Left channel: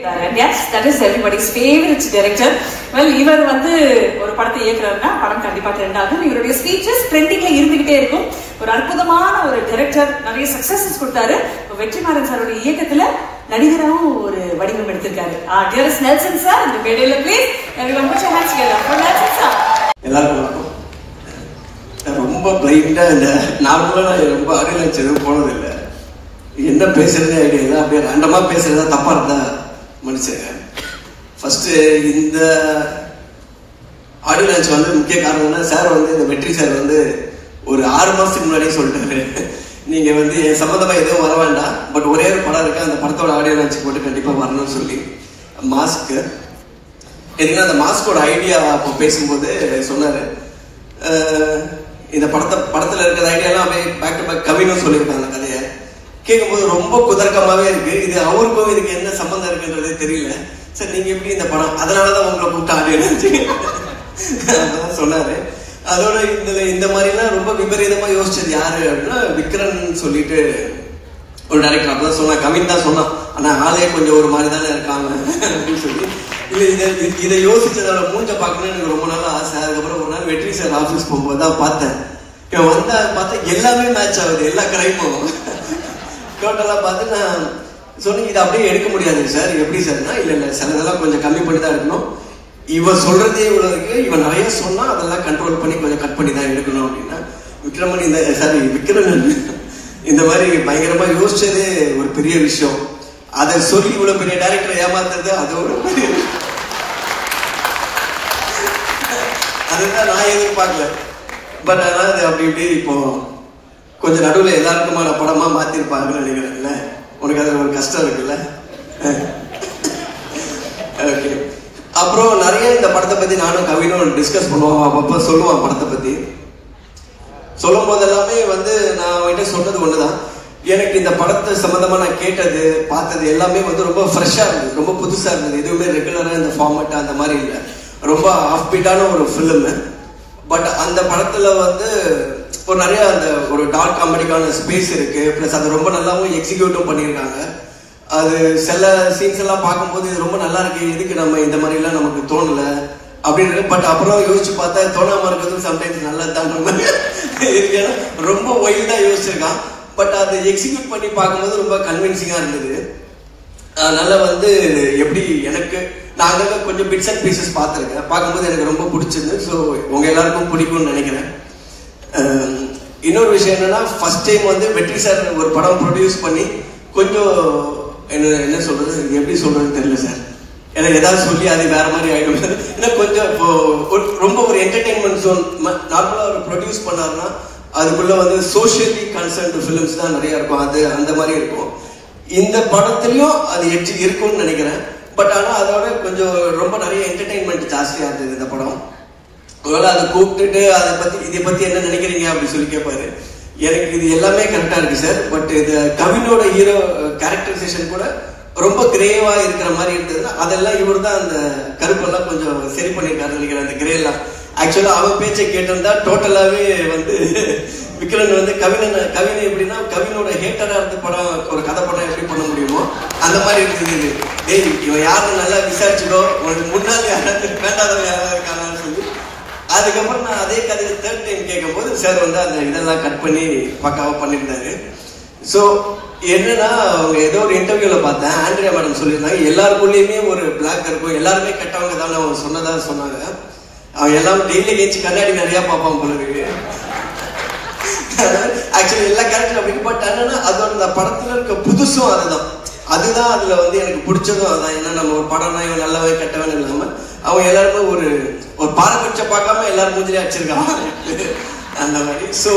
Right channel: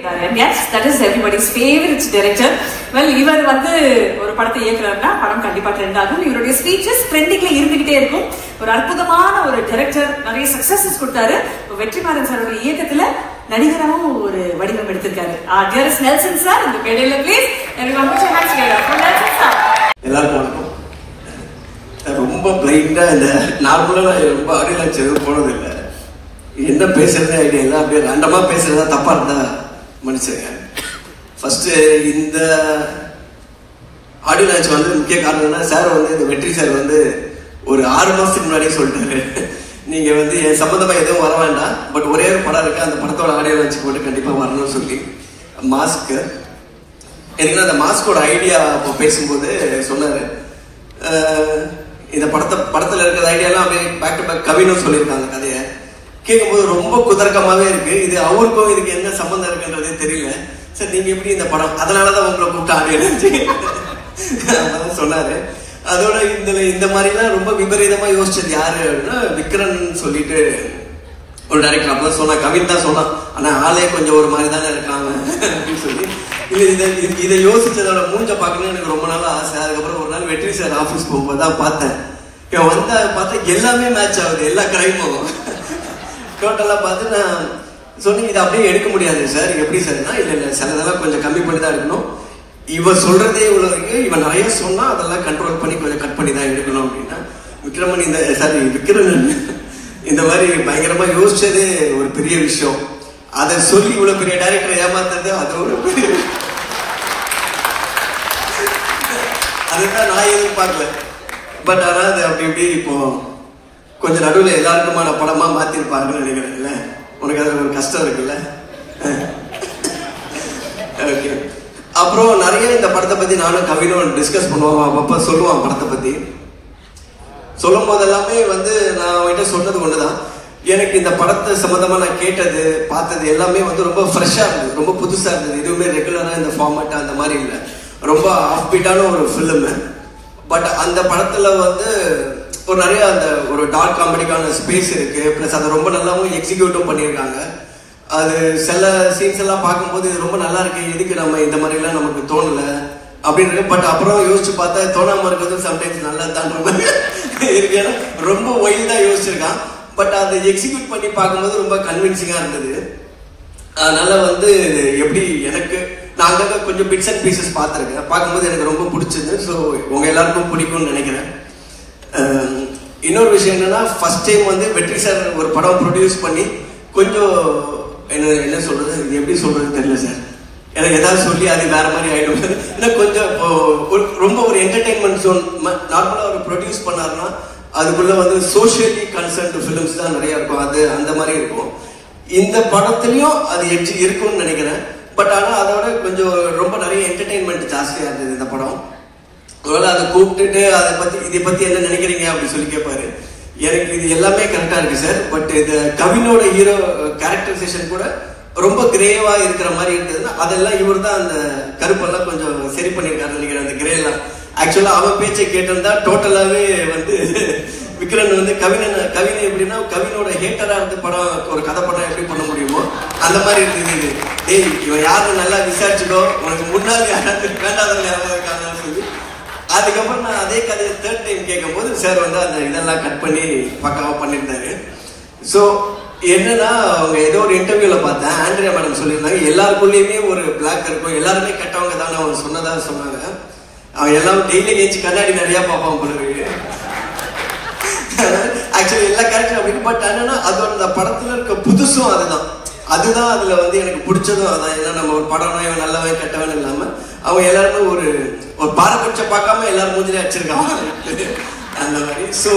Yes, that is everybody's favorite director. Well, இவர் வந்து ஒரு படத்தை இயக்குறாருன்னா படம் கண்டிப்பா ட்ரெண்ட் ஆகும். இவருடைய ஸ்பீச்சஸ் ட்ரெண்டிங்ல இருந்துகிட்டே இருக்கும். ஒரு அற்புதமான ஒரு டைரக்டர், நிறைய சக்சஸஸ் கொடுத்தாரு. வெற்றிமாறன் சாரோட இயக்கத்துல நடிகராவும் ஒரு வடிவம் எடுத்திருக்காரு. டியரஸ்ட் நெல்சன் சார், இந்த மேடையில please everyone put your hands together for Nelson sir. எல்லாருக்கும் வணக்கம். ரொம்ப பிளைண்டா இல்ல, நார்மலா ரொம்ப ஆடியன்ஸ் எதுவும் போனது இல்லை. என்ன பேசுறதே ஐடியா இல்லை, அப்படியே ரேண்டமா பேசுறதா தப்பா இருந்தா மனுஷன். ஃபர்ஸ்ட் இந்த ஆடியோ லான்ச் வந்து முக்கிய காரணம்னா, சார் வந்து இந்த வெற்றி சார் வந்து ஒரு 6 மாசத்துக்கு முன்னாடியே சொல்லிட்டாரு, நீங்க வந்து என் சம்பந்தமா எதுவும் வர வேண்டாம், பட் ஒரே ஒரு படம் இருக்கு, அந்த படத்தோட ஆடியோ லான்ச் போட்டு கண்டிப்பா வரணும்னு சொல்லி. மாஸ்க் எதுனா அந்த மாஸ்கோட ஐடியா அப்போ பேசும்போது சொன்னாரு, இந்த படத்துல இருக்கிற ஐடியாலாம் அப்படியே பேக் டு பேக் கவினும் சொல்லியிருக்காங்க. கதையை கேட்கும்போது ரொம்ப குதர்க்கமாவே இருக்கு. இது அவருக்கும் இதுக்கு என்ன சம்பந்தம் இருக்குன்றதே தெரியல. சார் நீங்க எப்படி இந்த படம், அதனாலதான் உங்களை கூப்பிட்டாங்க சொன்னாரு. அதோட இந்த மாதிரிலாம் ரொம்ப விபரீதமா யோசிச்சது யாரு அப்படின்னா, விக்ரன் சொல்லிட்டு ஒரு டைரக்டர். அப்பதான் சொன்னா, கவின் தான் சொன்னான், ஆனா ஆளே கொஞ்சம் ஒரு மாதிரி தானே இருக்காங்க அப்படின்னு சொல்லி. இதை யோசிச்சதோட மூஞ்ச பார்க்கணும்னு எனக்கு ரொம்ப நாள் ஆசை. அதுக்கப்புறம் ஒரு நாள் வெற்றி சார் ஆஃபீஸ் போகும்போது தான் பார்த்தேன். வந்தா பார்த்தா எல்லாமே மேட்ச் ஆகுது, எல்லா கடையும் டோட்டலா பார்த்து நான் சொன்னேன், இதை அப்படியே எடுக்க முடியாது சார். எப்படி சார்னா, இல்ல சிலதெல்லாம் கொஞ்சம் கம்மி பண்ணி தான் எடுக்கணும், இவன் சொல்றதே இவ்வளவு இருக்கு, இவன் நிறைய சொன்னா அதெல்லாம் கண்ட்ரோல் பண்ணி கொஞ்சம் கட் பண்ணி தான் எடுக்கணும் அப்படின்னா, விக்ரமன் விக்ரமன் இந்த மாதிரி பயங்கரமா யோசிச்சது ஒரு பெரிய விஷயம். அதை சொல்லி இவ்வளவு பெரிய டைரக்டர் ஏமாந்தது அது ஒரு பெரிய, அதுதான் நான் எதிர்பார்க்கல. பட் ஆனா அது அப்படி இப்படி இப்போ கொஞ்சம் நடுவில் எல்லாருக்குமான படமா மாத்திருப்பாங்கன்னு நினைக்கிறேன்ல. உனக்கு அது ஒரு கஷ்டம் இருக்குல்ல. ஓகே, அப்புறம் நிறைய இந்த படத்தை பத்தி நானும் கவினும் டிஸ்கஸ் பண்ணுவோம். அப்பப்ப சொல்லுவான் படத்தை பத்தி. சொல்லும் போது எல்லாமே வந்து நான் அவன்கிட்ட சொன்னது ஒண்ணுதான், எனக்கு இந்த படத்தை சம்பந்தமா நான் கேட்டது பார்த்தது எல்லாமே வந்து ரொம்ப ஃப்ரெஷ்ஷா இருந்தது, ரொம்ப புதுசா இருந்தது. எதுவுமே ரெகுலரா இந்த ஃபார்மேட் அந்த மாதிரி இல்லை, ரொம்ப ஆஃப் பீட்டான ஒரு ஃபிலிம். பட் அந்த படத்துல வந்து ஒரு நிறைய அந்த ஒரு டார்க் காமெடிக்கான ஸ்பேஸ் இருக்கு. பிளஸ் அதை ரொம்ப நல்லாவும் எக்ஸிக்யூட்டும் பண்ணியிருக்காங்க. அது சில சீன்ஸ் எல்லாம் பார்க்கும்போது ரொம்ப நல்லா இருக்கு, எதுக்கு நம்ம இந்த மாதிரி எல்லாம் நமக்கு தோணல அப்படின்னு இருக்கு. பட் அப்புறம் யோசிச்சு பார்த்தா தோணாம இருக்கிறது சம்டைம்ஸ் நல்லா தான் இருக்கு. ரொம்ப ஒயில்டா யோசிச்சிருக்கான், பட் அதை எக்ஸிக்யூட் பண்ணி பார்க்கும்போது ரொம்ப கன்வின்சிங்கா இருந்தது. அதனால வந்து எப்படி எனக்கு நான் கொஞ்சம் பிட்ஸ் அண்ட் பீசஸ் பார்த்துருக்கேன், பார்க்கும்போது எனக்கு ரொம்ப பிடிச்சது. ஸோ உங்க எல்லாருக்கும் பிடிக்கும்னு நினைக்கிறேன். இன்னொரு விஷயம் என்னன்னா, ஃபர்ஸ்ட் டைம் வந்து வெற்றி சார் ஒரு படம் ப்ரொடியூஸ் பண்ணி கொஞ்சம் என்ன சொல்றது, எப்படி சொல்றதுன்னு தெரியல சார். எனக்கு ஏதாவது சொல்லி அது வேற மாதிரி ஆயிடும். இல்லை கொஞ்சம் ரொம்ப ஒரு என்டர்டைன்மெண்ட் ஜோன் நார்மலா ஒரு ப்ரொடியூஸ் பண்ணாருன்னா அதுக்குள்ள வந்து சோஷியலி கன்சர்ன்ட் ஃபிலிம்ஸ் தான் நிறைய இருக்கும், அது அந்த மாதிரி இருக்கும். இந்த படத்துலயும் அது இருக்கும்னு நினைக்கிறேன். பட் ஆனா அதோட கொஞ்சம் ரொம்ப நிறைய என்டர்டைன்மெண்ட் ஜாஸ்தியா இருந்தது இந்த படம். ஒருவேளை அதை கூப்பிட்டுட்டு இதை பத்தி என்ன நினைக்கிறீங்க அப்படின்னு சொல்லி கேட்பாரு. எனக்கு இது எல்லாமே கரெக்டா இருக்கு சார், பட் இது கவினோட ஹீரோ கேரக்டரைசேஷன் கூட ரொம்ப கிரேவா இருக்கிற மாதிரி இருந்ததுன்னா அதெல்லாம் இவர் தான் அந்த கருப்பெல்லாம் கொஞ்சம் சரி பண்ணியிருக்காரு நினைக்கிறேன். அந்த கிரேலாம் ஆக்சுவலா அவன் பேச்சை கேட்டிருந்தா டோட்டலாவே வந்து விக்ரன் வந்து கவினை எப்படின்னா, கவினோட ஹேட்டரா இருந்து படம் ஒரு கதை படம் எப்படி பண்ண முடியுமோ அந்த மாதிரி இருந்தது. ஏய் இவன் யாரும் நல்லா விசாரிச்சுக்கோ, உனக்கு முன்னாடி வேண்டாதவங்க யாராவது இருக்காங்கன்னு சொல்லி. அதுக்கப்புறம் நான் அதே கதையை 3rd டைம் கேட்கும் போது சார் வந்து அந்த இதெல்லாம் கட் பண்ணி பக்காவா பண்ணியிருந்தாரு. ஸோ என்னன்னா, அவங்க ஏதோ ஒரு இன்டர்வியூல பார்த்தேன், ஆண்ட்ரியா மேடம் சொல்லியிருந்தாங்க, எல்லாருக்குள்ளேயுமே ஒரு பிளாக் இருக்கும், எல்லாருமே கெட்டவங்க தானே அவங்க சொன்னதா சொன்னாங்க. அவன் எல்லாரும் டெய்லி நேச்சு கண்ணாடி நிறைய பார்ப்பான் போல. ஆக்சுவலி எல்லா கேரக்டரும் அப்படி. பட் என்னன்னா அதோட அந்த படத்துல இருக்க புதுசும் அதுதான் அதுல வந்து எனக்கு பிடிச்சதும் அதுதான். ஏன்னா நம்ம ஒரு படம்னா இவன் நல்லவன் கெட்டவன் இல்லாம அவங்க எல்லாருமே ஒரு பாரபட்சம் பார்க்காம எல்லாரும் மூஞ்சிலே அடிச்சிருக்காங்க அந்த மாதிரி. ஸோ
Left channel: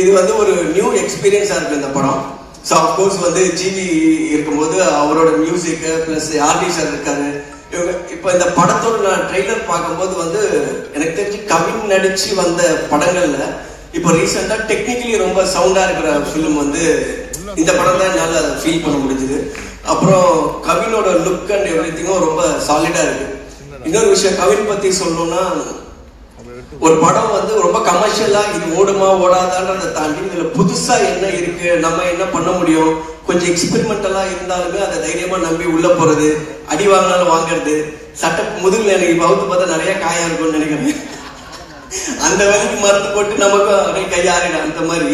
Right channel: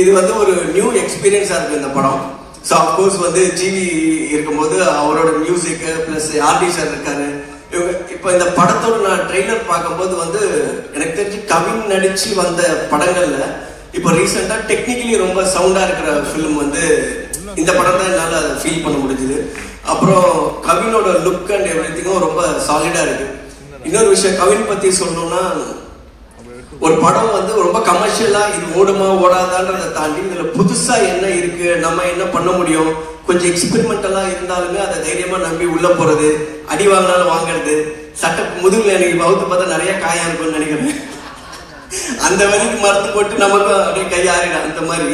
இது வந்து ஒரு நியூ எக்ஸ்பீரியன்ஸா இருக்கு இந்த படம். ஸோ அப்கோர்ஸ் வந்து ஜிவி இருக்கும்போது அவரோட மியூசிக் பிளஸ் ஆர்டி சார் இருக்காரு. இப்ப இந்த படத்தோட நான் ட்ரெய்லர் பார்க்கும்போது வந்து எனக்கு தெரிஞ்சு கவின் நடிச்சு வந்த படங்கள்ல இப்போ ரீசெண்டா டெக்னிக்கலி ரொம்ப சவுண்டா இருக்கிற ஃபிலிம் வந்து இந்த படம் தான் என்னால ஃபீல் பண்ண முடிஞ்சது. அப்புறம் கவினோட லுக் அண்ட் எவ்ரிதிங்கும் ரொம்ப சாலிடா இருக்கு. இன்னொரு விஷயம் கவின் பத்தி சொல்லணும்னா, ஒரு படம் வந்து ரொம்ப கமர்ஷியலா இது ஓடுமா ஓடாதான்றதை தாண்டி இதுல புதுசா என்ன இருக்கு, நம்ம என்ன பண்ண முடியும், கொஞ்சம் எக்ஸ்பெரிமெண்டலா இருந்தாலுமே அதை தைரியமா நம்பி உள்ள போறது, அடி வாங்கினாலும் வாங்குறது, சட்ட முதுகுல எனக்கு வகுத்து பார்த்தா நிறைய காயா இருக்கும்னு நினைக்கிறேன். அந்த வரைக்கும் மருந்து போட்டு நமக்கும் அப்படியே கையாறிடும் அந்த மாதிரி.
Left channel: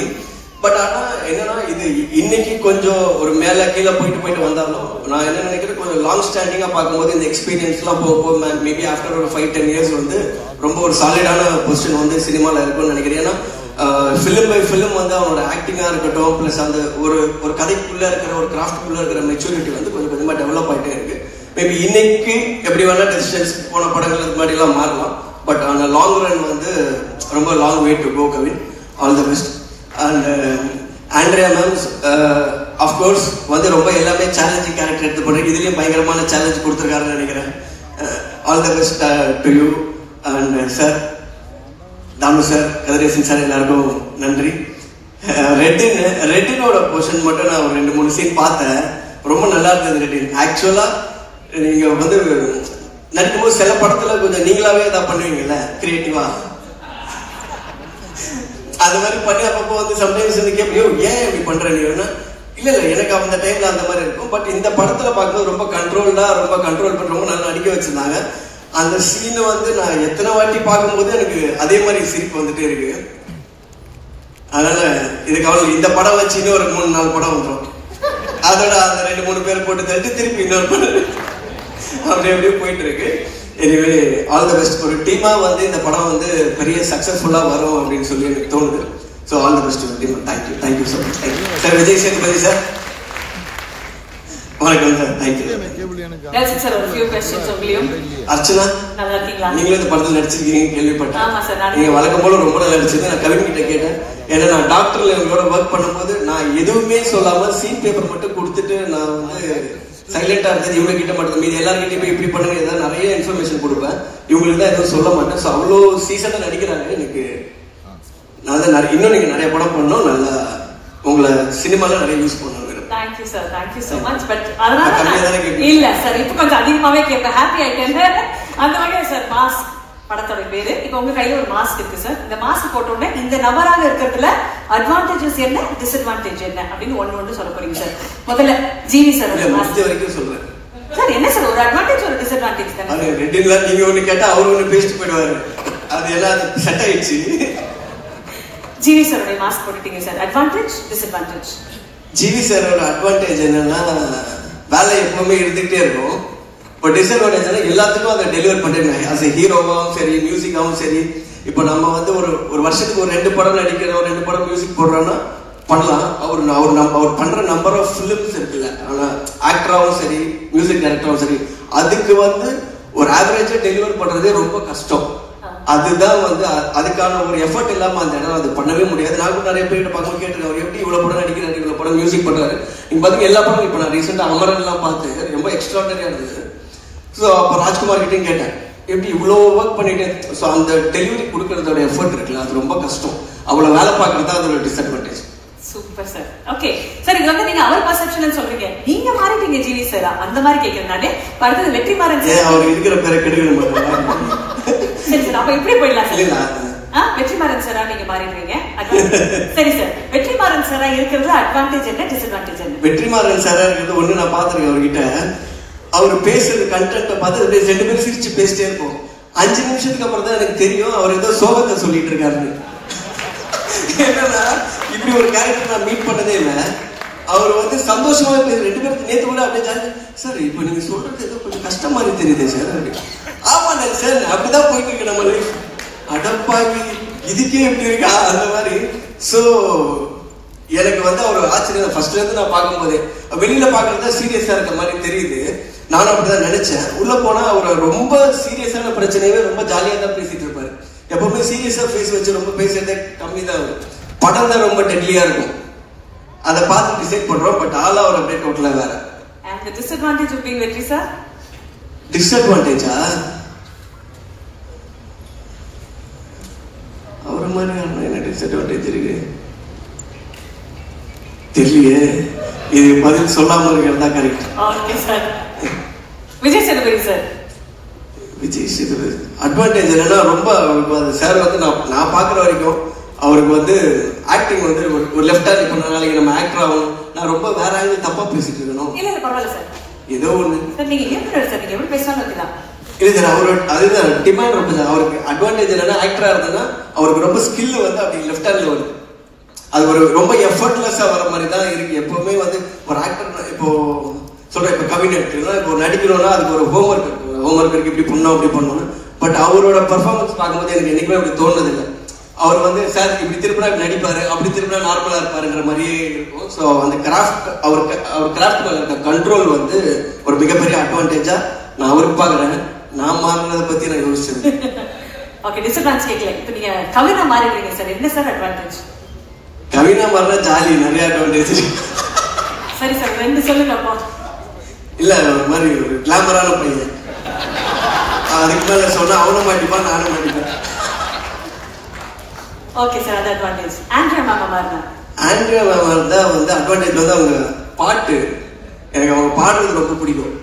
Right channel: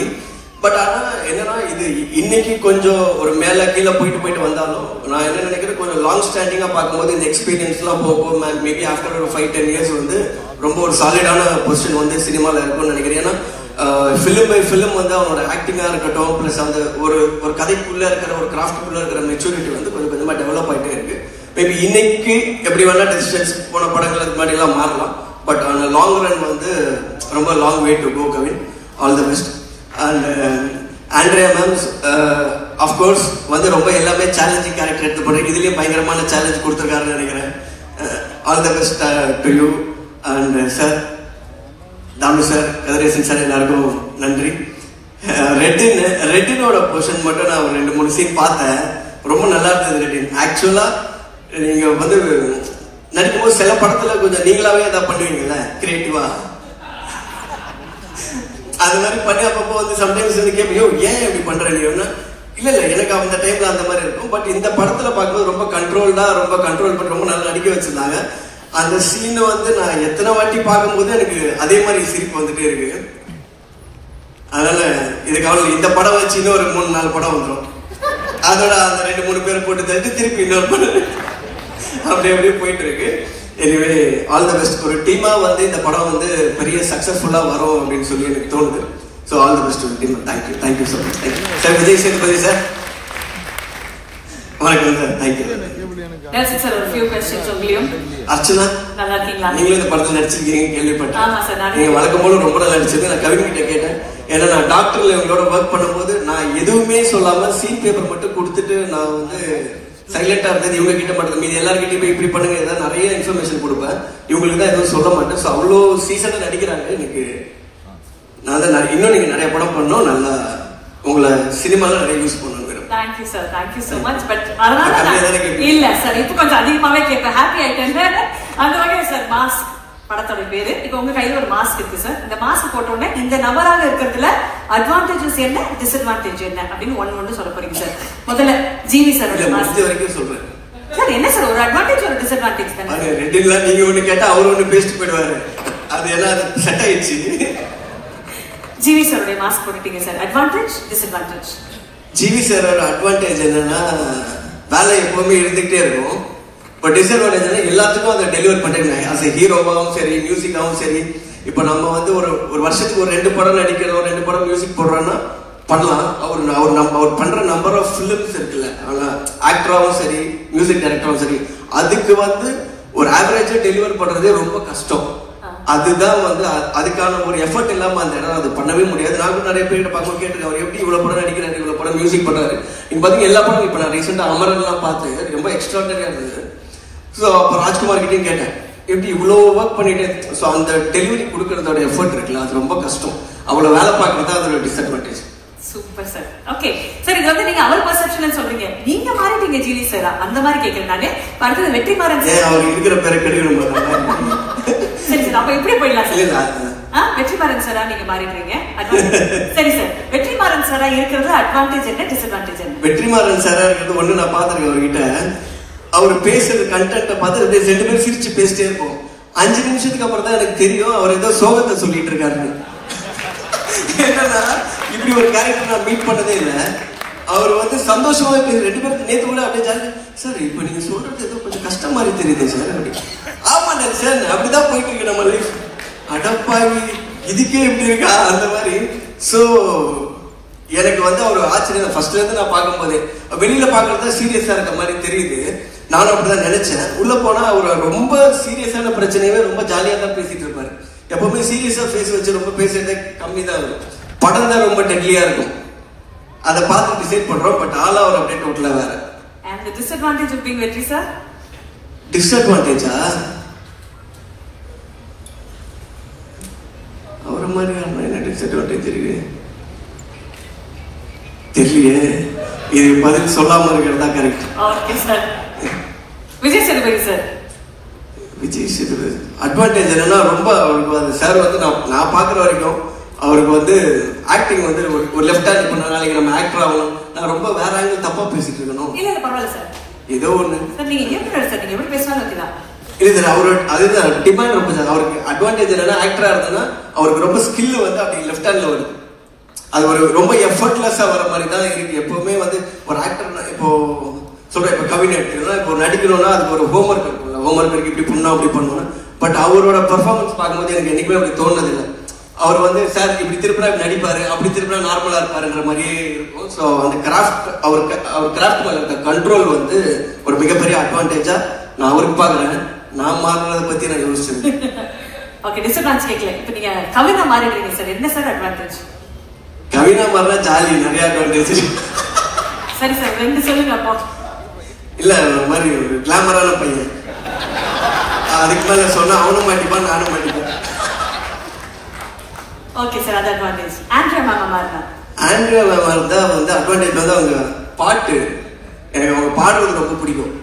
பட் ஆனா என்னன்னா இது இன்னைக்கு கொஞ்சம் ஒரு மேல கீழே போயிட்டு வந்தாலும் நான் என்ன நினைக்கிறேன், கொஞ்சம் லாங் ஸ்டாண்டிங்கா பார்க்கும்போது இந்த எக்ஸ்பீரியன்ஸ் எல்லாம் போக மேபி ஆஃப்டர் ஒரு 5-10 இயர்ஸ் வந்து ரொம்ப ஒரு சாலிடான பொசிஷன் வந்து சினிமால இருக்கும்னு நினைக்கிறேன். ஏன்னா ஃபிலிம் பை ஃபிலிம் வந்து அவனோட ஆக்டிங்கா இருக்கட்டும், பிளஸ் அந்த ஒரு ஒரு கதைக்குள்ள இருக்கிற ஒரு கிராஃப்டுக்குள்ள இருக்கிற மெச்சூரிட்டி வந்து கொஞ்சம் கொஞ்சமா டெவலப் ஆகிட்டே இருக்கு. மேபி இன்னைக்கு எப்படி வேணா டிஸ்டன்ஸ் போன படங்களுக்கு மாதிரி எல்லாம் மாறலாம். பட் அந்த லாங் ரன் வந்து ரொம்ப long way to go. Kavin, all the best. And Andrea ma'am of course வந்து ரொம்ப எல்லாமே சேலஞ்சிங் கேரக்டர் எடுத்து போட்டு இதுலயே பயங்கரமான சேலஞ்ச் கொடுத்துருக்காருன்னு நினைக்கிறேன். All the best to you. And sir, Thanu sir, Kathiresan sir, எல்லாருக்கும் நன்றி. ரெட்டினோட போர்ஷன் மட்டும் நான் ஒரு 2-3 சீன் பார்த்தேன். ரொம்ப நல்லா இருந்தது ரெட்டின். ஆக்சுவலா நீங்க வந்து நடிக்கும்போது சில படத்துல கொஞ்சம் நீங்களாவே ஏதாவது பண்ணுவீங்கல்ல கிரியேட்டிவா, அது மாதிரி பண்ணி அப்பப்போ வந்து சம்டைம்ஸ் வந்து கேட்பியோ ஏன் இப்படி பண்ற நீ? இல்ல எனக்கு அந்த டைம்ல அந்த மாதிரி இருக்கும். பட் இந்த படத்துல பார்க்கும்போது ரொம்ப கண்ட்ரோல்டா, ரொம்ப கண்ட்ரோல் பண்ணி ரொம்ப நல்லா நடிக்க வச்சிருந்தாங்க. அந்த சீனை வந்து நான் எத்தனை வாட்டி பார்க்கும்போது எனக்கு அதே மாதிரி சிரிப்பு வந்துட்டே இருக்கு. அதனால இதுக்கு இந்த படம் வச்சு இன்னும் ஒரு 3-4 படம் வந்துடும். அதோட அந்த 2-3 பேர் போட்டு தட்டு திருப்பி இன்னொரு படம் அப்படியே போயிட்டு இருக்கு. Anyway all the best. ஒரு டீமா வந்து இந்த படம் வந்து பெரிய சக்சஸ்ஃபுல்லா வரும் அப்படின்னு சொல்லி எனக்கு தோணுது. So all the best team. Thank you so much sir. Vijay Sethupathi sir, வணக்கம் சார். Thank you sir. ஒரு few questions உங்களையும். அர்ச்சனா, நல்லா இருக்கீங்களா? நீங்களும் இந்த படத்தில் நடிச்சிருக்கீங்க கேள்விப்பட்டேன். நீங்க வழக்கம் போல ரொம்ப நல்லா நடிச்சது. நான் கவின் கிட்ட கேட்டேன். ஏன்னா நான் டாக்டர்ல இவங்களோட ஒர்க் பண்ணும்போது நான் எதுவுமே சொல்லாம சீன் பேப்பர் மட்டும் கொடுத்துட்டு நான் வந்து சைலண்டா இருந்தது. இவங்க கிட்ட மட்டும், மீது எல்லாருக்கிட்டையும் போய் இப்படி பண்ணுங்க, ஏதாவது நிறைய இன்ஃபர்மேஷன் கொடுப்பேன். இவங்களுக்கு தான் எதுவும் சொல்ல மாட்டேன். ஸோ அவ்வளோ சீசனா நடிக்கிறாங்க. எனக்கு நான் தான் இன்னும் நீங்க நிறைய படம் பண்ணோம், நல்லா உங்களை சினிமால நிறைய யூஸ் பண்ணணும். Thank you sir, thank you so much. But அதனால இல்ல சார், இப்போ கொஞ்சம் அதிகமாவே கேட்பேன். ஹாப்பி ஆயிட்டேன். அந்த வகையில் சார், மாஸ்க் படத்தோட பேரு. இப்போ உங்க கையில ஒரு மாஸ்க் இருக்கு சார். இந்த மாஸ்க் போட்ட உடனே இந்த நபராக இருக்கிறதுல அட்வான்டேஜஸ் என்ன, டிஸ்அட்வான்டேஜ் என்ன அப்படின்னு ஒண்ணு சொல்ல போறீங்க சார். முதல்ல ஜிவி சார் வரைக்கும் சொல்றேன் சார். என்ன சார் ஒரு அட்வான்டேஜ் ஒரு டிஸ்அட்வான்டேஜ் தானே? ரெண்டுங்களா? நீங்க ஒண்ணு கேட்டா அவர் ஒண்ணு பேசிட்டு போயிடுவாரு. அது எல்லாம் செட் ஆயிடுச்சு. ஜிவி சாரோட மாஸ்க் போட்டுட்டீங்க சார். Advantage, disadvantage. ஜிவி சாரோட அட்வான்டேஜ் என்னன்னா வேலை எப்பவுமே இருந்துகிட்டே இருக்கும். பட் டிஸ்அட்வான்டேஜ் எல்லாத்துக்கும் அதை டெலிவர் பண்றீங்க. அஸ் ஹீரோவாகவும் சரி, மியூசிக்காவும் சரி. இப்ப நம்ம வந்து ஒரு வருஷத்துக்கு ஒரு 2 படம் நடிக்கிற, ஒரு 2 படம் மியூசிக் போடுறோம்னா பண்ணலாம். அவர் பண்ற நம்பர் ஆஃப் ஃபிலிம்ஸ் இருக்குல்ல, ஆனா ஆக்டராகவும் சரி, மியூசிக் டைரக்டராகவும் சரி, அதுக்கு வந்து ஒரு ஆவரேஜா டெலிவர் பண்றதே ரொம்ப கஷ்டம். அதுதான் வந்து அதுக்கான ஒரு எஃபர்ட் இல்லாம அந்த இடம் அது பண்ணவே முடியாது. நான் நிறைய பேர் பார்க்க கேட்டு அவர் எப்படி இவ்வளவு படம் நடிக்கிறாரு, இவ்வளவு படம் மியூசிக் பண்றாரு. நீங்க பாத்தீங்க எல்லா படம். இப்ப நான் ரீசெண்டா அமரன் எல்லாம் பார்த்து ரொம்ப எக்ஸ்ட்ராடனரியா இருந்தது. ஸோ அப்போ ராஜ்குமார் கிட்டையும் கேட்டேன், எப்படி இவ்வளோ ஒர்க் பண்ணிட்டு. ஸோ அந்த டெலிவரி கொடுக்கறதோட எஃபர்ட் இருக்குல்ல, அது ரொம்ப கஷ்டம். அவ்வளவு வேலை பார்க்கறது தான் அதோட disadvantage. Super sir. Okay sir, இது வந்து நீங்க அவர் பர்செப்ஷன் சொல்றீங்க, நீங்க மாறிட்டீங்க ஜிவி சார், அந்த மாதிரி கேட்கறேன். அடுத்தது வெற்றிமாறன் சார். அவர் இருக்கிற பேரை கெடுக்கணும். சரி சார், அப்ப எப்படி போயிடலாம் சார்? வெற்றிமாறன் சாரா நீங்க மாறிடுறீங்க. சரி சார், வெற்றிமாறன் சாரா இருக்கிறது அட்வான்டேஜ் என்ன, டிஸ்அட்வான்டேஜ் என்ன? வெற்றிமாறன் சாரா இருக்கிறது ஒண்ணு நான் பாத்துருக்கேன். அவர்கிட்ட அவர் பேசுற கண்டென்ட்டை பார்த்து 2 பேரும் சிரிச்சு பேசிட்டே இருப்போம். 5 நிமிஷத்துக்கு அப்புறம் தான் எனக்கு தெரியும் அவர் ஏதோ சோகத்தை சொல்லிட்டு இருக்காரு. இப்படி ஒரு கேரக்டர் நான் மீட் பண்ணதே இல்லை. அவர் வந்து சந்தோஷமாக பேச 2 பேருக்கு நேற்று கூட அப்படியே ஜாலி சார், இப்ப நீங்க சொல்றது ஏதோ கொஞ்சம் கஷ்டம் மாதிரி தெரியுது சார். அப்படி ஆமா சார், அப்படிதான் போயிட்டு இருக்கு நம்ம லைஃப். அடப்பாவி இதுக்கே எப்படி இருக்கா அந்த மாதிரி. சோ எனக்கு வந்து அவர் ஆச்சரியம். ஃபர்ஸ்ட்ல இருந்து நான் பார்க்கும்போது வெளியில பாக்குறதா சீரியஸா இருக்க மாதிரி தெரியுது. நானும் அப்படிதான் நினைச்சேன். உள்ள போனா அவர் ரொம்ப சீரியஸான பிரச்சனையே ரொம்ப ஜாலியா தான் பேசிட்டு இருப்பாரு. எப்பவுமே சீரியஸா பேசி வச்சு ரொம்ப பேசுறதே கம்மி தான். படம் தான் ரொம்ப டெட்லியா இருக்கும். அதை பார்த்து டிசைட் பண்றோம். பட் ஆல் அவர் அப்படியே டோட்டலா வேற. And the disadvantage of being Vetri sir? டிஸ்அட்வான்டேஜா? அவர் மாதிரி என்ன டிஸ்அட்வான்டேஜ் இருக்கு தெரியலையே. இது பதில் சொல்லாம இருக்கிறதா correct. Okay sir. Vijay Sethupathi sir. Vijay Sethupathi advantage என்னன்னா ரொம்ப சார் வந்து நான் பாக்குற வரைக்கும் அவருக்கு வந்து ஆக்டிங் வந்து ஒரு லெஃப்ட் ஹேண்ட் பண்ண நாளைக்கு நம்ம ஆக்டர் ஆகணும். நான் ரொம்ப வேற ஆங்கிள் தப்பா பேசிட்டு இருக்கணும். இல்ல பரவாயில்ல சார், ஏதோ ஒண்ணு சார் நீங்க ஏன் சார் நீங்க எப்படி பேசினாலும் ஓகேதான். இல்ல சார் அவரோட அதுதான் டிமாண்ட் ரொம்ப சார். அவருக்கு அட்வான்டேஜ் என்னன்னா ஆக்டரா இருந்ததுன்னா அவருக்கு ரொம்ப ஸ்கில் வந்து அப்படி லெஃப்ட் ஹேண்ட்ல வருது. அது ஒரு ரொம்ப எஃபர்ட்லெஸ்ஸா வர மாதிரி தான் இருக்கு. எப்பவுமே வந்து ஒரு ஆக்டர் இப்போ சொல்றேன், இப்போ கவிஞர் இப்போ நடிக்கிறோம்னா அதுக்கு ஒரு ஹோம்ஒர்க் இருக்கு, இப்படி பண்ணணும் அப்படி பண்ணணும். பட் அவரோட பெர்ஃபார்மன்ஸ் பார்க்கும்போது எனக்கு என்னைக்குமே அப்படி தோணுது இல்லை. அவர் வந்து சார் இப்படி திருப்பினா நடிப்பாரு, அப்படி திருப்பினா நார்மலா இருப்பாருன்ற மாதிரியே இருக்கும். ஸோ அந்த கிராஃப்ட் அவர் கிராஃப்ட் இருக்க கண்ட்ரோல் வந்து ஒரு மிகப்பெரிய அட்வான்டேஜா நான் அவருக்கு பாக்குறேன். நான் மாறினதை பத்தி நான் யோசிச்சேன். ஓகே, டிஸ்அட்வான்டேஜ் கேட்கல. இப்போ நீங்க கவினா மாறிடுவீங்க சார், என்ன சார் அட்வான்டேஜ்? கவினா மாறினா ஜாலி, நிறைய அட்வான்டேஜ். சரி சார், 2 சொல்லுங்க அப்போ. இல்ல ஒரு மாதிரி ஒரு கிளாமரான பையன், அதுக்கு மேல சொன்னா அவனும் மாட்டிப்பான் நானும் மாட்டிப்பேன். ஓகே சார், அது அட்வான்டேஜ். ஆண்ட்ரியா மேம் இருந்தா வந்து அட்வான்டேஜ் வந்து அவங்க பாட்டு, எனக்கு அவங்க பாடுறது ரொம்ப பிடிக்கும்.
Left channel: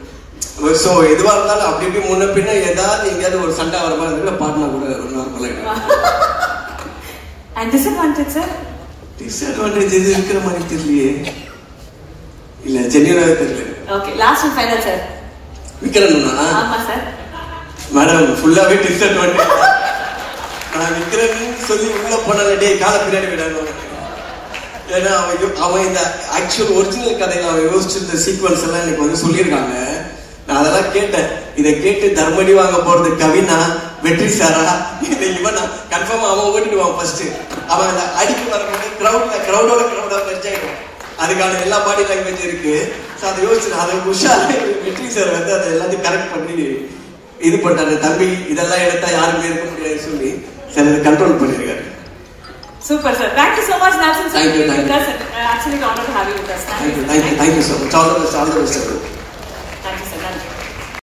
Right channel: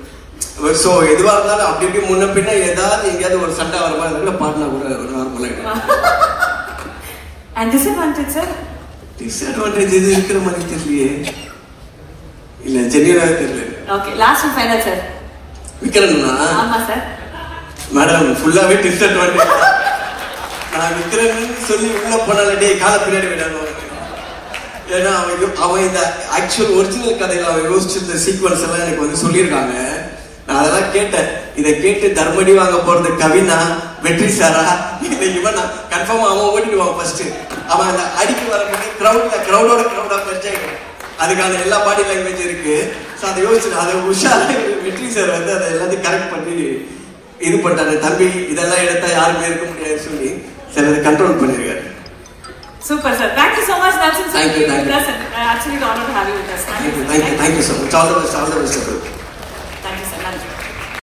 ஸோ எதுவா இருந்தாலும் அப்படி இப்படி முன்ன பின்ன ஏதாவது எங்கேயாவது ஒரு சண்டை வர மாதிரி இருக்கு, பாட்டுனா கூட நார்மலா. Disadvantage sir? டிஸ்அட்வான்டேஜ் எது இருக்கிற மாதிரி தெரியலையே. இல்ல ஜெனியனாவே தெரியல. Okay, last and final sir. விக்ரம்னா? ஆமா சார். மேடம் ஃபுல்லாவே டிஸ்அட்வான்டேஜ். நான் விக்ரம்னு சொல்லி உள்ள போனாலே கால பின்னாடி விடாம. ஏன்னா அவன் இந்த ஆக்சுவல் ஒரிஜினல் கதையில அவன் யோசிச்சிருந்த சீக்வன்ஸ் எல்லாம் எனக்கு வந்து சொல்லியிருக்காங்க. நான் அதெல்லாம் கேட்டேன். இதை கேட்டு தர்மடி வாங்க போறது கவினா, வெற்றி சாரா, இவன் கன்ஃபார்மா அவன் ஓடிடுவான். ஃபர்ஸ்ட் அவன் அந்த அடிக்க வரும்போது கிரௌடோட தெரிஞ்சாயிடும். அதுக்கான எல்லா பாடி லாங்குவேஜ் இருக்கு. ஸோ அதை யோசிச்சு அதை உஷா வெற்றி சார் வந்து அதை எல்லாத்தையும் கரெக்ட் பண்ணி இது பண்ணிட்டாரு. தம்பி இதெல்லாம் எடுத்தா யாருமே இருக்க முடியாது சொல்லி சார் அதை கண்ட்ரோல் பண்ணிருக்காரு. Super sir. Thank you so much, Nelson. Thank you. Actually, honored to have you with us. Thank you so much. All the best.